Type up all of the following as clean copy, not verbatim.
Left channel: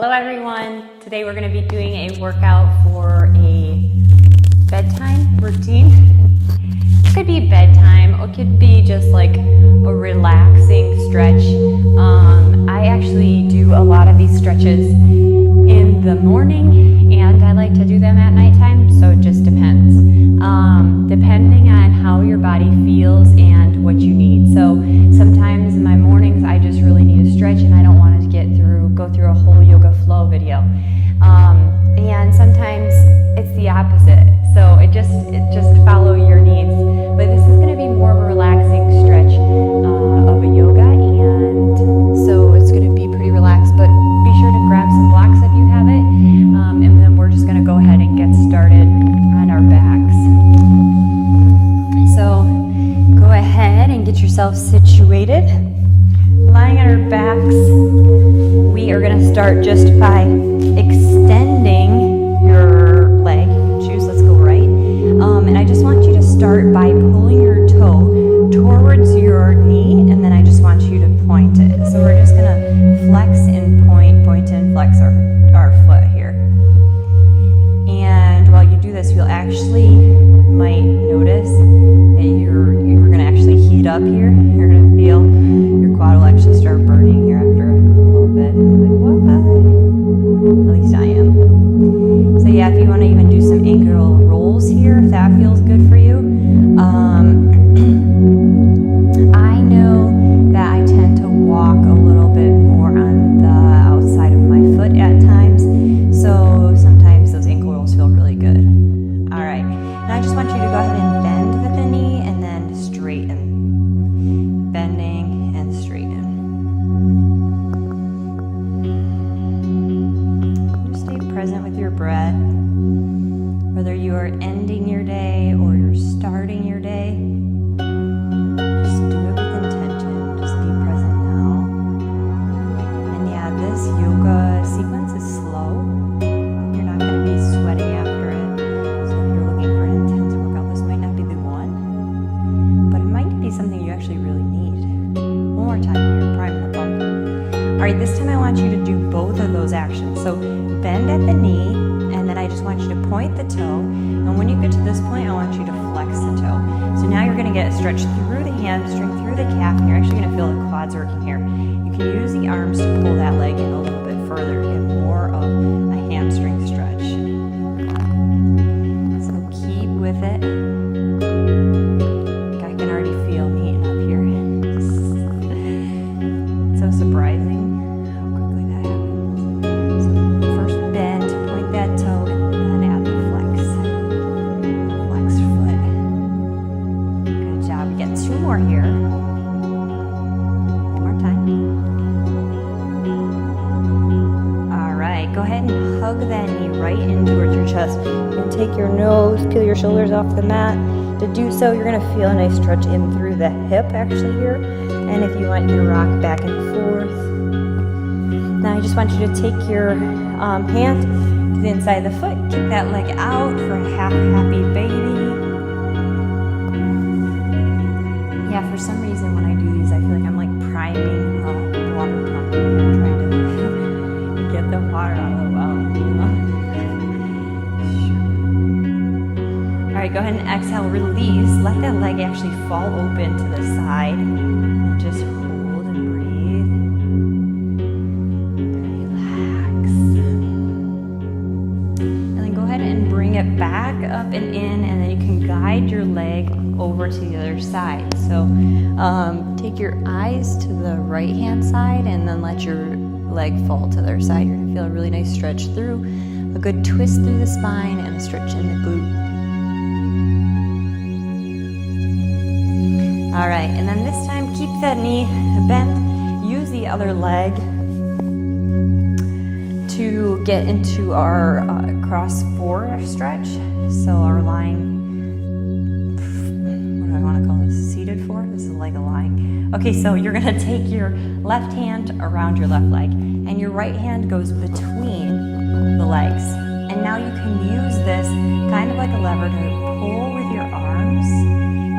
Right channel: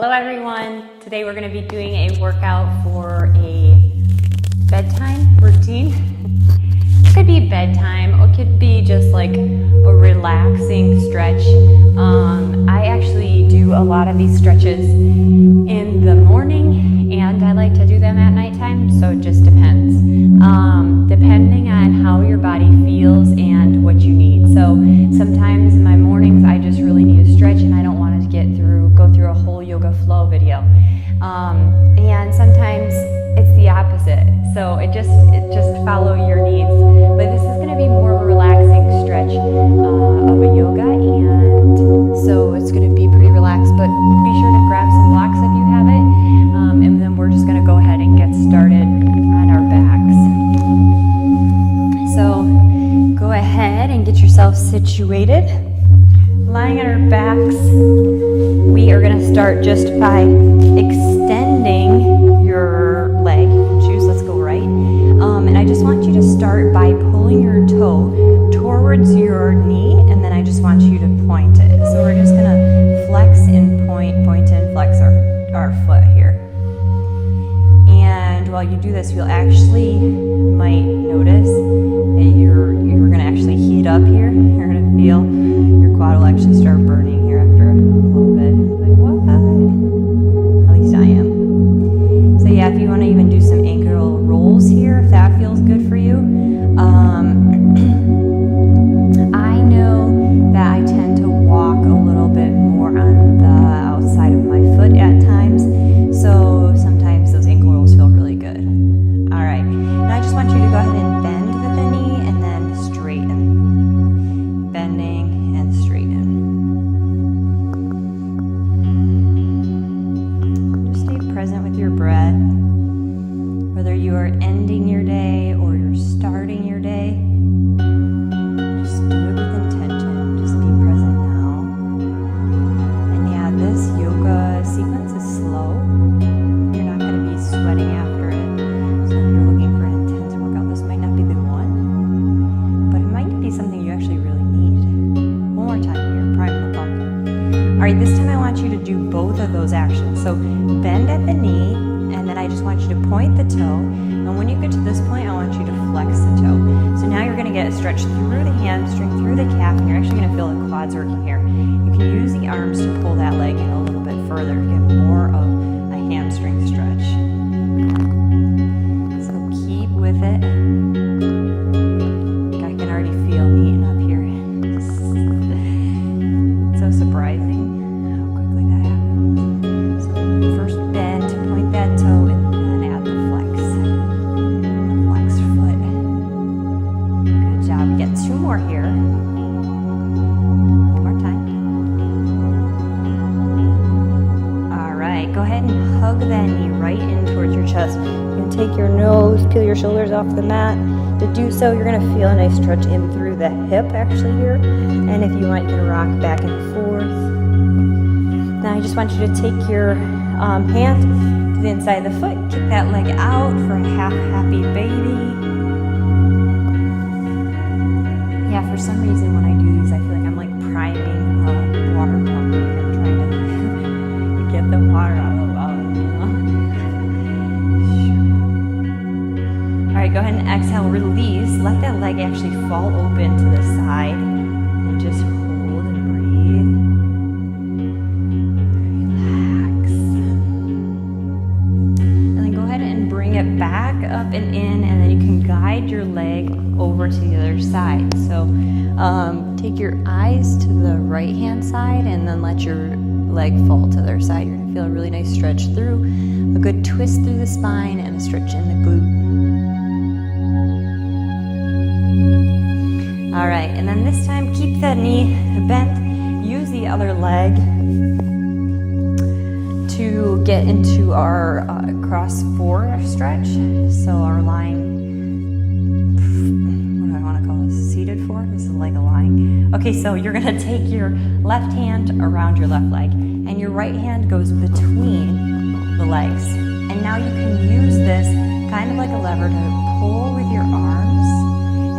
Hello everyone, today we're going to be doing a workout for a bedtime routine. It could be bedtime or it could be just like a relaxing stretch. I actually do a lot of these stretches in the morning and I like to do them at nighttime, so it just depends. Depending on how your body feels and what you need. So sometimes in my mornings I just really need a stretch and I don't want to go through a whole yoga flow video. And sometimes it's the opposite. So it just follow your needs. But this is going to be more of a relaxing stretch of a yoga, and so it's going to be pretty relaxed. But be sure to grab some blocks if you have it, and then we're just going to go ahead and get started on our backs. So go ahead and get yourself situated. Lying on our backs, we are going to start just by extending your leg. Choose, let's go right. And I just want you to start by pulling your toe towards your knee, and then I just want you to point it. So we're just going to flex and point and flex our foot here. And while you do this, you'll actually might notice that you're going to actually heat up here. You're going to feel your quad will actually start burning here after a little bit. Like, what? At least I am. So yeah, if you want to even do some ankle rolls here, if that feels good for you. I know that I tend to walk a little bit more on the outside of my foot at times. So sometimes those ankle rolls feel really good. All right, now I just want you to go ahead and bend the knee and then straighten. Bending and straighten. Just stay present with your breath. Whether you are ending your day or you're starting your day, just do it with intention. Just be present now. And yeah, this yoga sequence is slow. You're not going to be sweating after it. So if you're looking for an intense workout, this might not be the one. But it might be something you actually really need. One more time here, prime the pump. All right, this time I want you to do both of those actions. So bend at the knee, and then I just want you to point the toe. And when you get to this point, I want you to flex the toe. So now you're going to get a stretch through the hamstring, through the calf, and you're actually going to feel the quads working here. You can use the arms to pull that leg in a little bit further to get more of a hamstring stretch. So keep with it. I can already feel me eating up here. It's so surprising how quickly that happens. So first bend, point that toe, and then add the flex. The flex foot. Good job. We get two more here. One more time. All right. Go ahead and hug that knee right in towards your chest. You're going to take your nose, peel your shoulders off the mat. To do so, you're going to feel a nice stretch in through the hip actually here. And if you want, you can rock back and forth. Now I just want you to take your hand to the inside of the foot, kick that leg out for a half happy baby. Yeah, for some reason when I do these, I feel like I'm like priming a water pump. Like I'm trying to get the water out of the well, you know? All right, go ahead and exhale, release. Let that leg actually fall open to the side and just hold and breathe. Relax. And then go ahead and bring it back up and in, and then you can guide your leg over to the other side. So take your eyes to the right hand side and then let your leg fall to the other side. You're gonna feel a really nice stretch through, a good twist through the spine and a stretch in the glute. All right, and then this time keep that knee bent. Use the other leg to get into our cross four stretch. So our lying, what do I want to call this? Seated four? This is like a lying. Okay, so you're gonna take your left hand around your left leg and your right hand goes between the legs. And now you can use this kind of like a lever to pull with your arms.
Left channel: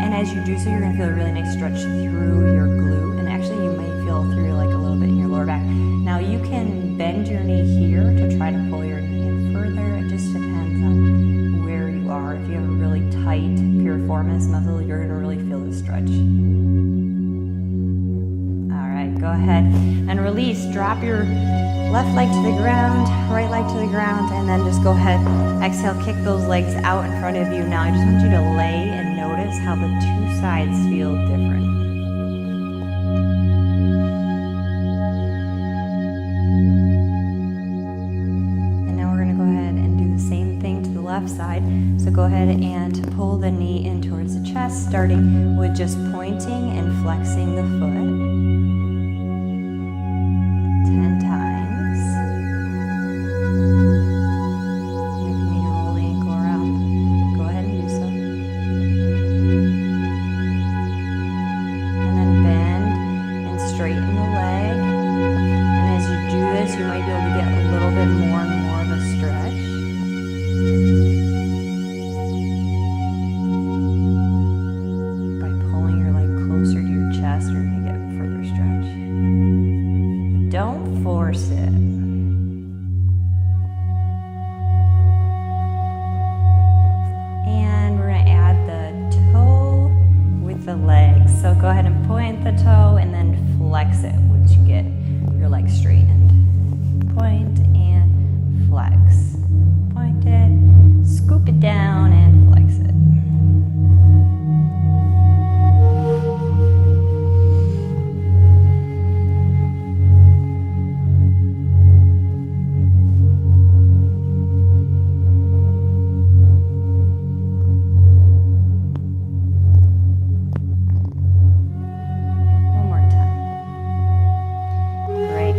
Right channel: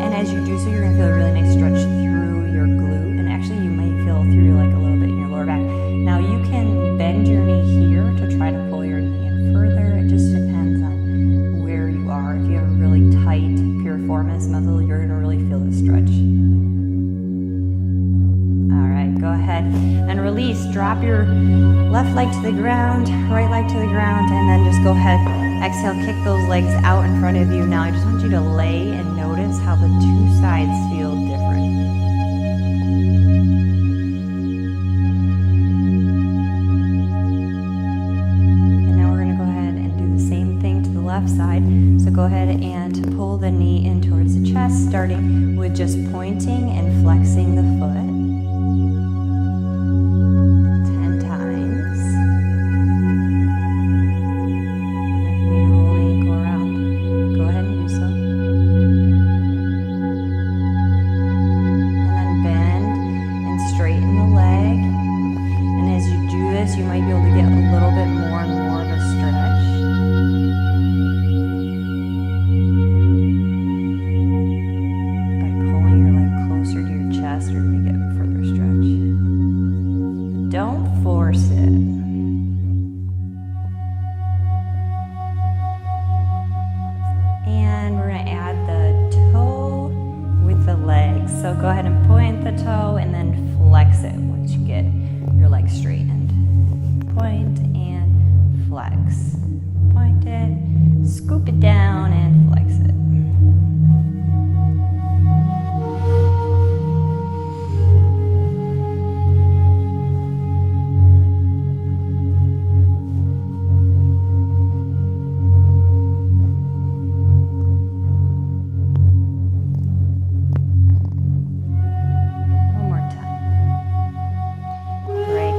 And as you do so, you're going to feel a really nice stretch through your glute. And actually, you may feel through like a little bit in your lower back. Now you can bend your knee here to try to pull your knee in further. It just depends on where you are. If you have a really tight piriformis muscle, you're going to really feel the stretch. All right, go ahead and release. Drop your left leg to the ground, right leg to the ground, and then just go ahead. Exhale, kick those legs out in front of you. Now I just want you to lay and notice how the two sides feel different. Left side. So go ahead and pull the knee in towards the chest, starting with just pointing and flexing the foot 10 times. And if you need to roll the ankle around, go ahead and do so. And then bend and straighten the leg. And as you do this, you might be able to get a little bit more and more of a stretch. You're going to get further stretch. Don't force it. And we're going to add the toe with the legs. So go ahead and point the toe and then flex it once you get your legs straightened. Point and flex. Point it, scoop it down and flex it.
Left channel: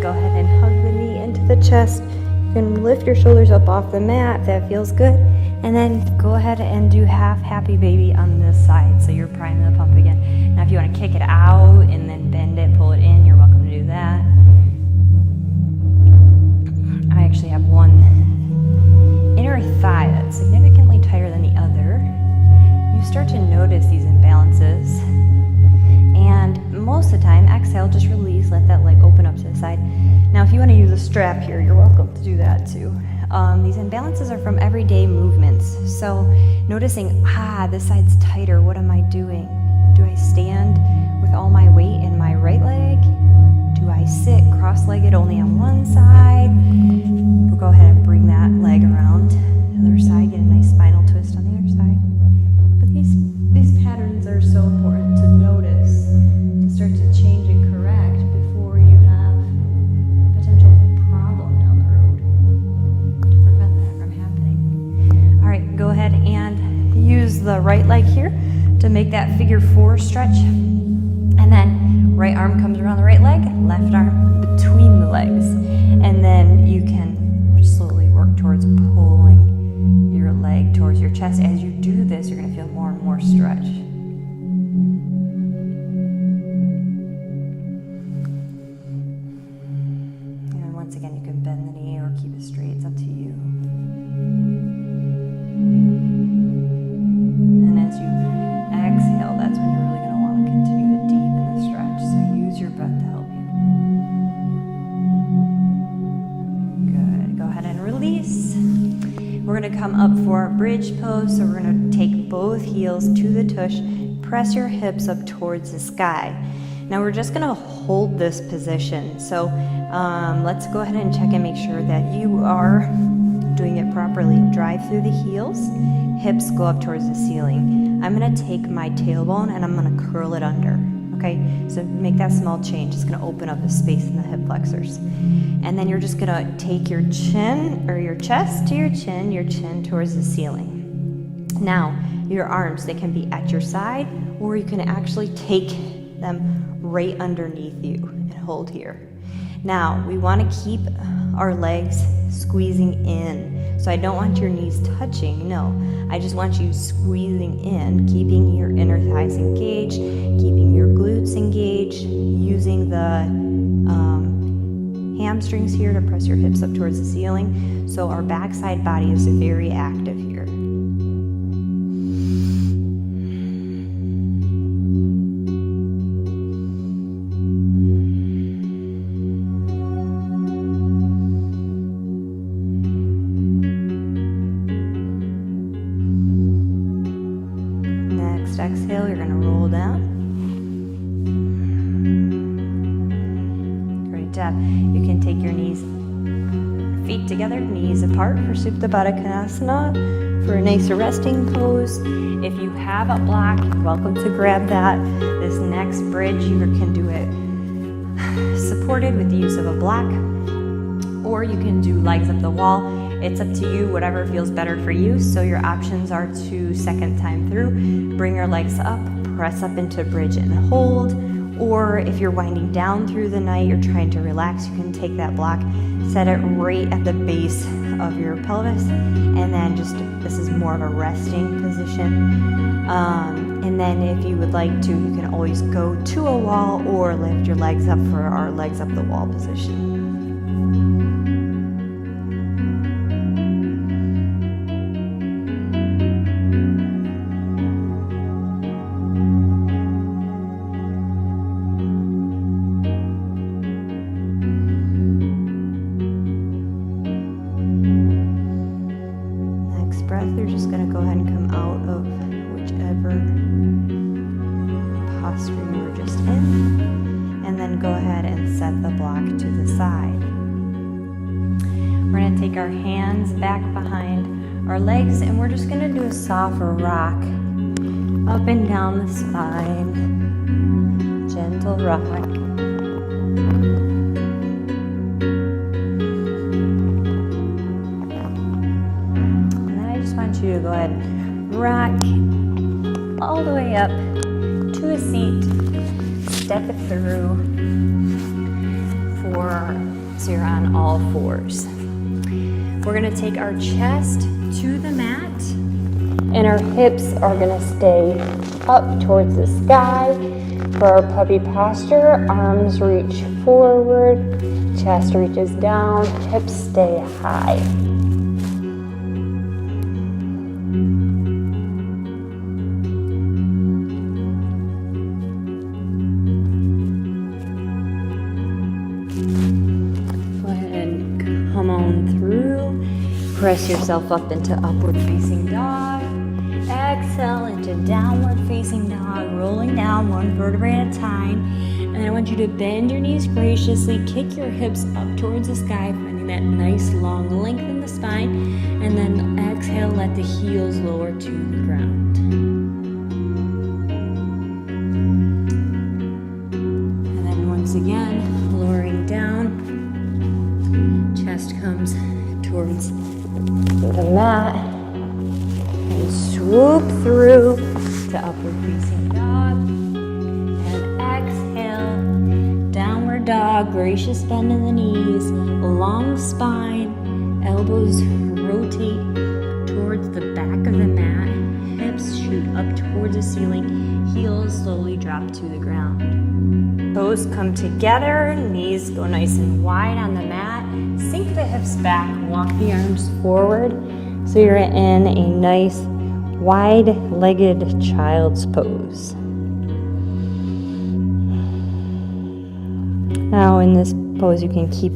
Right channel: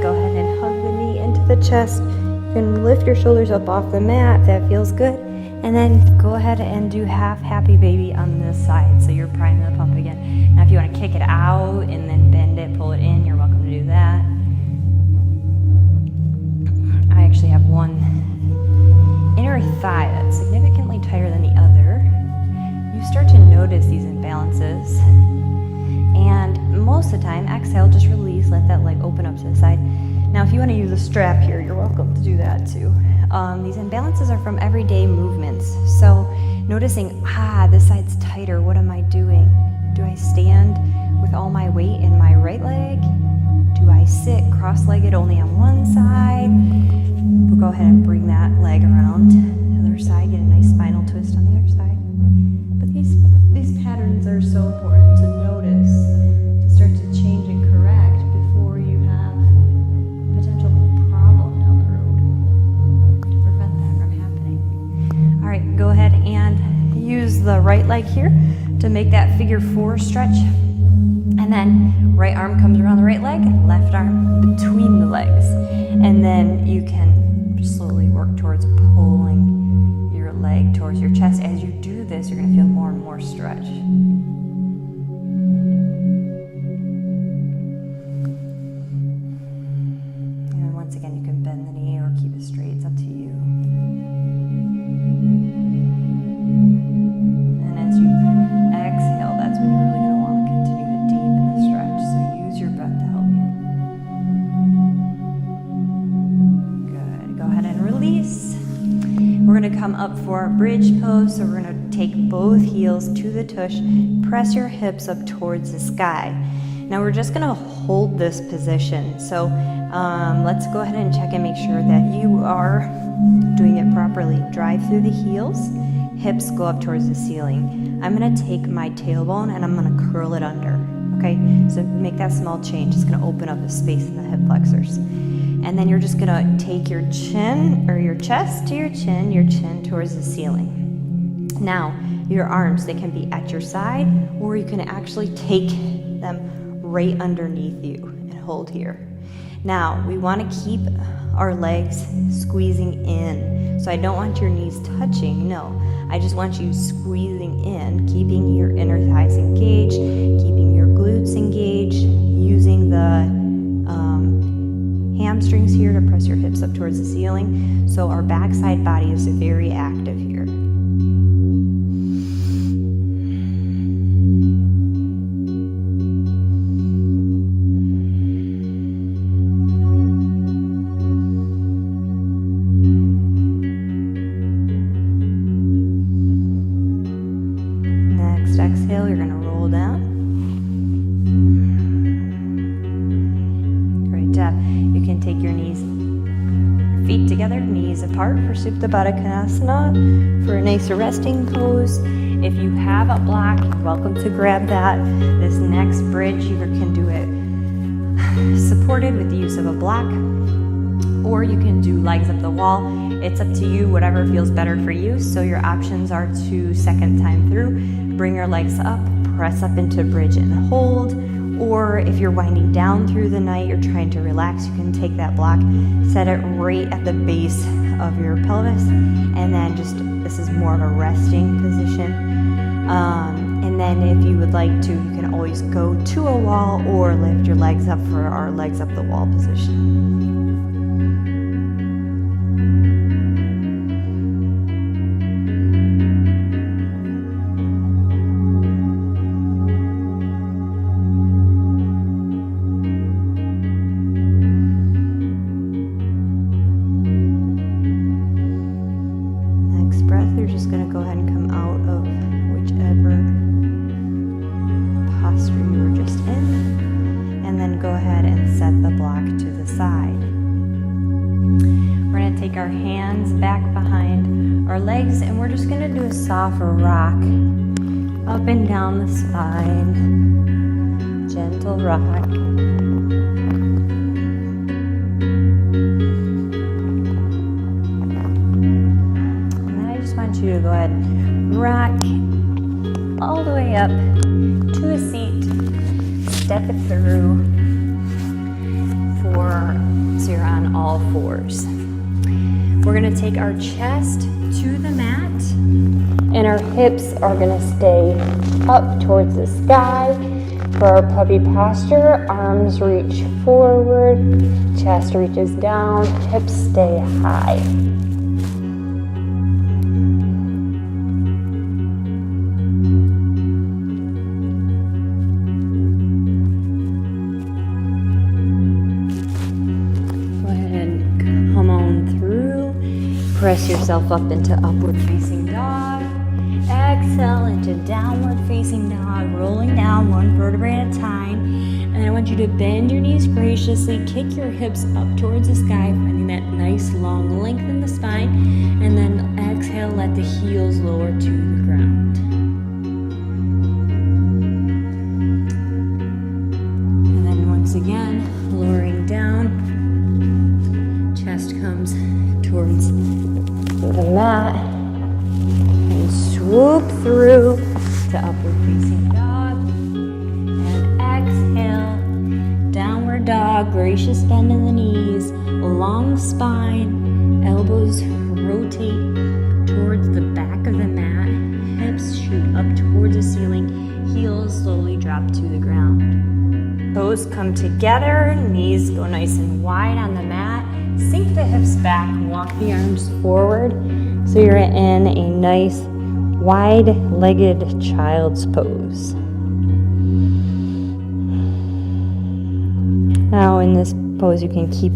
Go ahead and hug the knee into the chest. You can lift your shoulders up off the mat if that feels good. And then go ahead and do half happy baby on this side. So you're priming the pump again. Now if you want to kick it out and then bend it, pull it in, you're welcome to do that. I actually have one inner thigh that's significantly tighter than the other. You start to notice these imbalances. And most of the time, exhale, just release, let that leg open up to the side. Now, if you want to use a strap here, you're welcome to do that too. These imbalances are from everyday movements. So noticing, this side's tighter, what am I doing? Do I stand with all my weight in my right leg? Do I sit cross-legged only on one side? We'll go ahead and bring that leg around the other side, get a nice spinal twist on the other side. But these patterns are so important to notice, to start to change and correct before you have a potential problem down the road, to prevent that from happening. All right, go ahead and use the right leg here to make that figure 4 stretch. And then right arm comes around the right leg, left arm between the legs. And then you can just slowly work towards pulling your leg towards your chest. As you do this, you're going to feel more and more stretch. And once again, you can bend the knee or keep it straight. It's up to you. And as you exhale, that's when you're really going to want to continue to deepen the stretch. So use your breath to help you. Good. Go ahead and release. We're going to come up for our bridge pose. So we're going to take both heels to the tush, press your hips up towards the sky. Now we're just going to hold this position. So let's go ahead and check and make sure that you are doing it properly. Drive through the heels, hips go up towards the ceiling. I'm going to take my tailbone and I'm going to curl it under. Okay, so make that small change. It's going to open up the space in the hip flexors. And then you're just going to take your chin or your chest to your chin towards the ceiling. Now, your arms, they can be at your side, or you can actually take them right underneath you and hold here. Now, we want to keep our legs squeezing in. So I don't want your knees touching, no. I just want you squeezing in, keeping your inner thighs engaged, keeping your glutes engaged, using the hamstrings here to press your hips up towards the ceiling. So our backside body is very active here. exhale, you're gonna roll down. Great job. You can take your feet together, knees apart for Supta Baddha Konasana for a nicer resting pose. If you have a block, you're welcome to grab that. This next bridge, you can do it supported with the use of a block, or you can do legs up the wall. It's up to you, whatever feels better for you. So your options are to second time through, bring your legs up, press up into bridge and hold, or if you're winding down through the night, you're trying to relax, you can take that block, set it right at the base of your pelvis, and then this is more of a resting position. And then if you would like to, you can always go to a wall or lift your legs up for our legs up the wall position. Breath, you're just going to go ahead and come out of whichever posture you were just in, and then go ahead and set the block to the side. We're going to take our hands back behind our legs, and we're just going to do a soft rock up and down the spine, gentle rock. You to go ahead and rock all the way up to a seat, step it through so you're on all fours. We're going to take our chest to the mat, and our hips are going to stay up towards the sky. For our puppy posture, arms reach forward, chest reaches down, hips stay high. Press yourself up into upward facing dog. Exhale into downward facing dog, rolling down one vertebrae at a time. And then I want you to bend your knees graciously, kick your hips up towards the sky, finding that nice long length in the spine. And then exhale, let the heels lower to the ground. And then once again, lowering down, chest comes towards the mat, and swoop through to upward facing dog, and exhale, downward dog, gracious bend in the knees, long spine, elbows rotate towards the back of the mat, hips shoot up towards the ceiling, heels slowly drop to the ground. Toes come together, knees go nice and wide on the mat. Sink the hips back, walk the arms forward so you're in a nice wide-legged child's pose. Now in this pose you can keep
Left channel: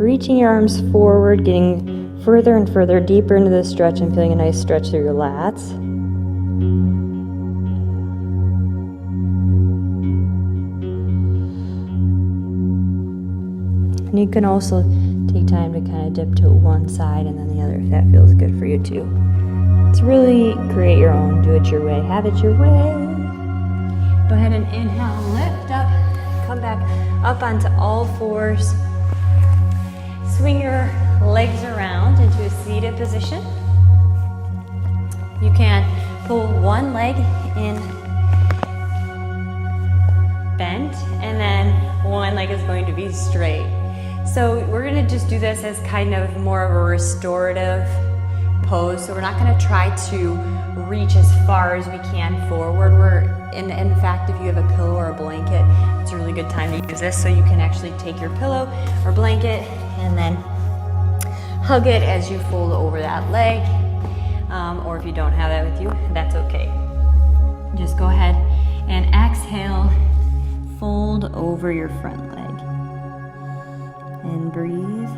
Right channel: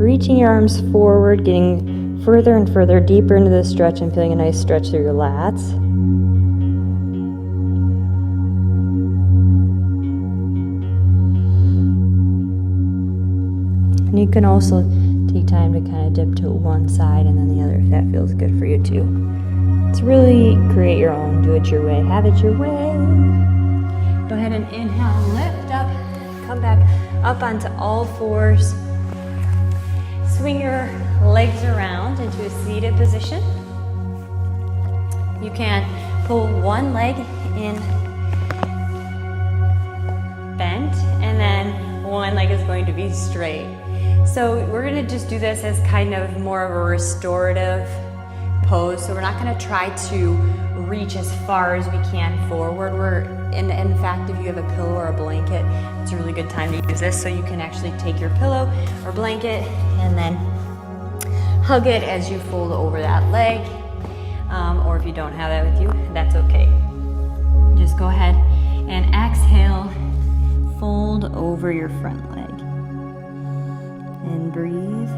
reaching your arms forward, getting further and further deeper into the stretch and feeling a nice stretch through your lats. And you can also take time to kind of dip to one side and then the other if that feels good for you too. It's really create your own, do it your way, have it your way. Go ahead and inhale, lift up, come back up onto all fours. Swing your legs around into a seated position. You can pull one leg in bent and then one leg is going to be straight. So we're going to just do this as kind of more of a restorative pose. So we're not going to try to reach as far as we can forward. In fact, if you have a pillow or a blanket, it's a really good time to use this. So you can actually take your pillow or blanket and then hug it as you fold over that leg. Or if you don't have that with you, that's okay. Just go ahead and exhale, fold over your front leg. And breathe.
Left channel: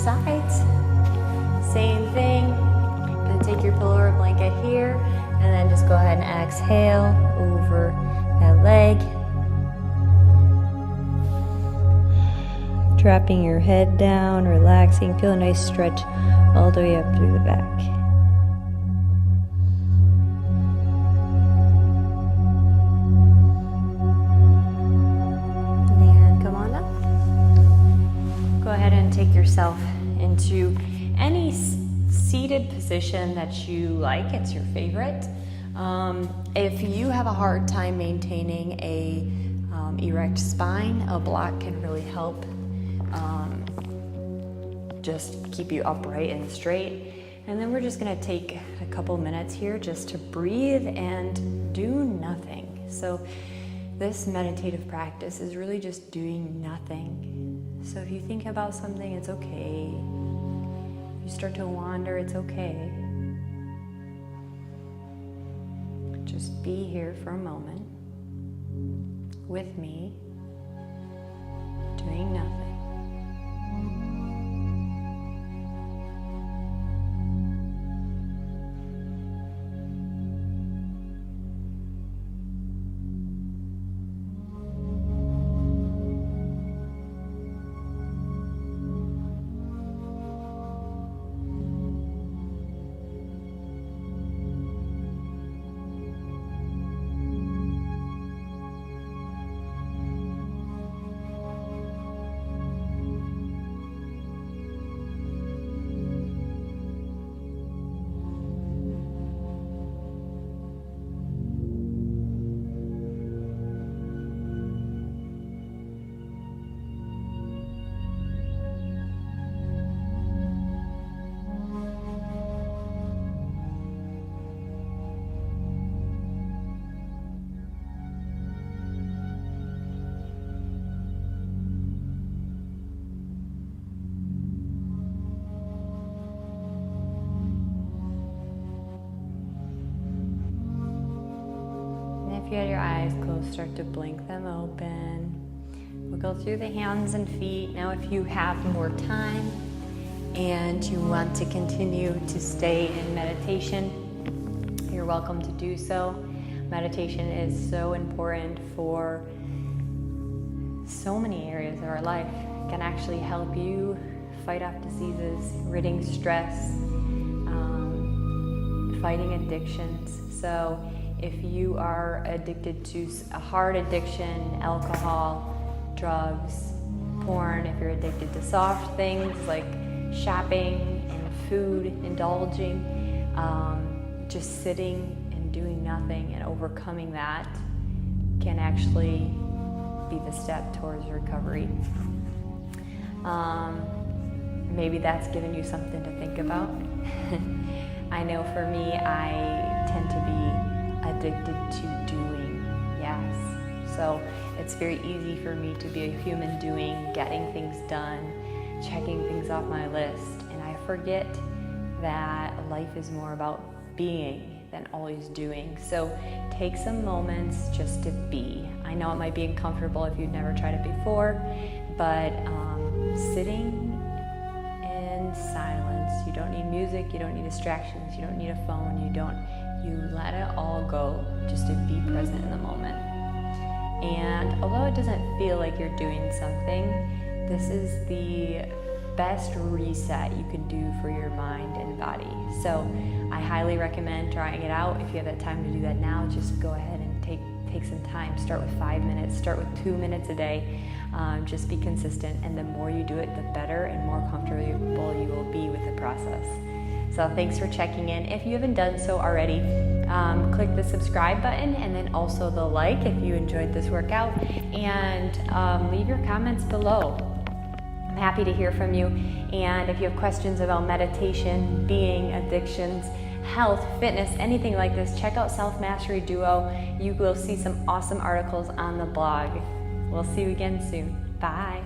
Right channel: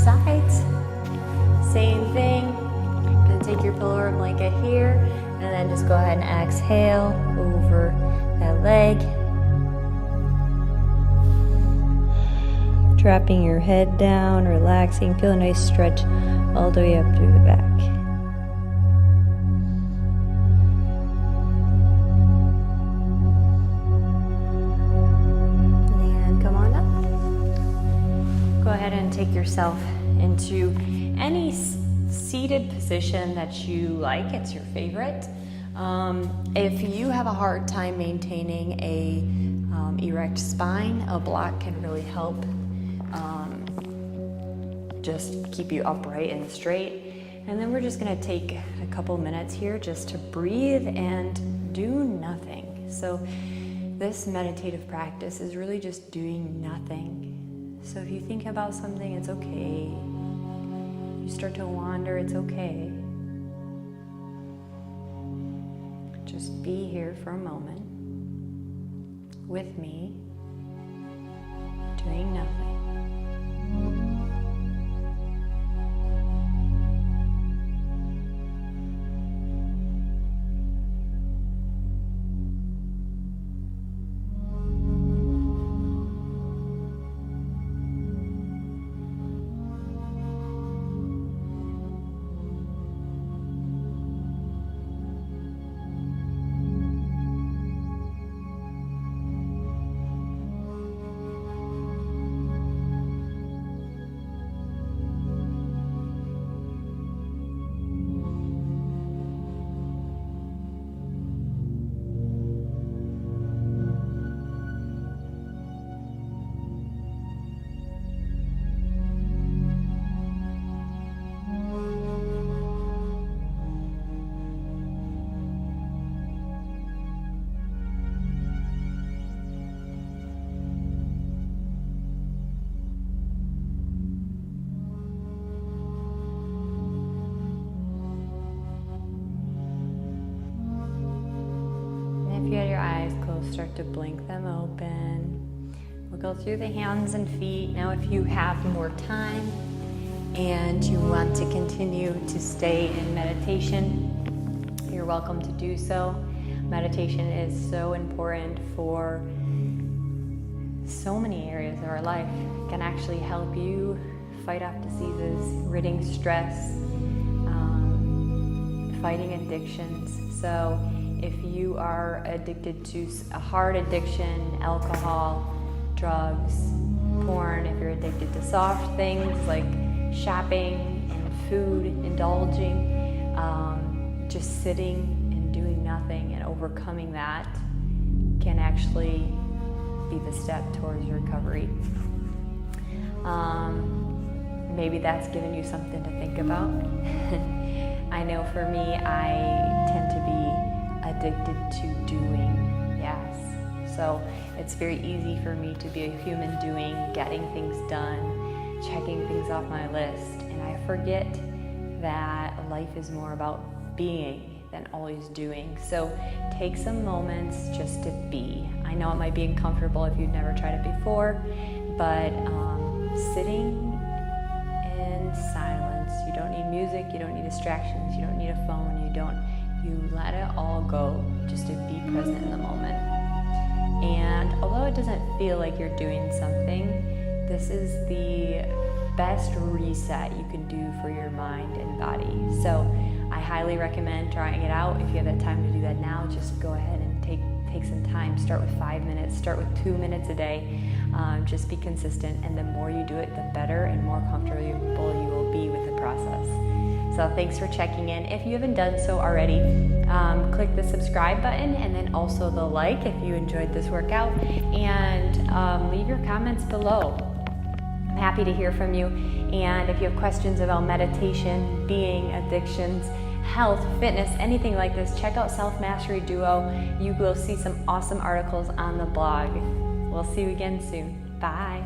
sides. Same thing. Gonna take your pillow or blanket here, and then just go ahead and exhale over that leg. Dropping your head down, relaxing, feel a nice stretch all the way up through the back. And come on up. Go ahead and take yourself into any seated position that you like. It's your favorite. If you have a hard time maintaining a erect spine, a block can really help just keep you upright and straight. And then we're just going to take a couple minutes here just to breathe and do nothing. So this meditative practice is really just doing nothing. So if you think about something, it's okay. If you start to wander, it's okay. Just be here for a moment with me, doing nothing. If you had your eyes closed, start to blink them open. We'll go through the hands and feet. Now if you have more time and you want to continue to stay in meditation, you're welcome to do so. Meditation is so important for so many areas of our life. It can actually help you fight off diseases, ridding stress, fighting addictions. So if you are addicted to a hard addiction, alcohol, drugs, porn, if you're addicted to soft things like shopping and food, indulging, just sitting and doing nothing and overcoming that can actually be the step towards recovery. Maybe that's given you something to think about. I know for me, I tend to be addicted to doing, yes. So it's very easy for me to be a human doing, getting things done, checking things off my list, and I forget that life is more about being than always doing. So take some moments just to be. I know it might be uncomfortable if you've never tried it before, but sitting in silence, you don't need music, you don't need distractions, you don't need a phone, you let it all go just to be present in the moment. And although it doesn't feel like you're doing something, this is the best reset you can do for your mind and body. So I highly recommend trying it out. If you have that time to do that now, just go ahead and take some time. Start with 5 minutes, start with 2 minutes a day. Just be consistent, and the more you do it, the better and more comfortable you will be with the process. So thanks for checking in. If you haven't done so already, click the subscribe button and then also the like if you enjoyed this workout, and leave your comments below. I'm happy to hear from you. And if you have questions about meditation, being, addictions, health, fitness, anything like this, check out Self Mastery Duo. You will see some awesome articles on the blog. We'll see you again soon. Bye.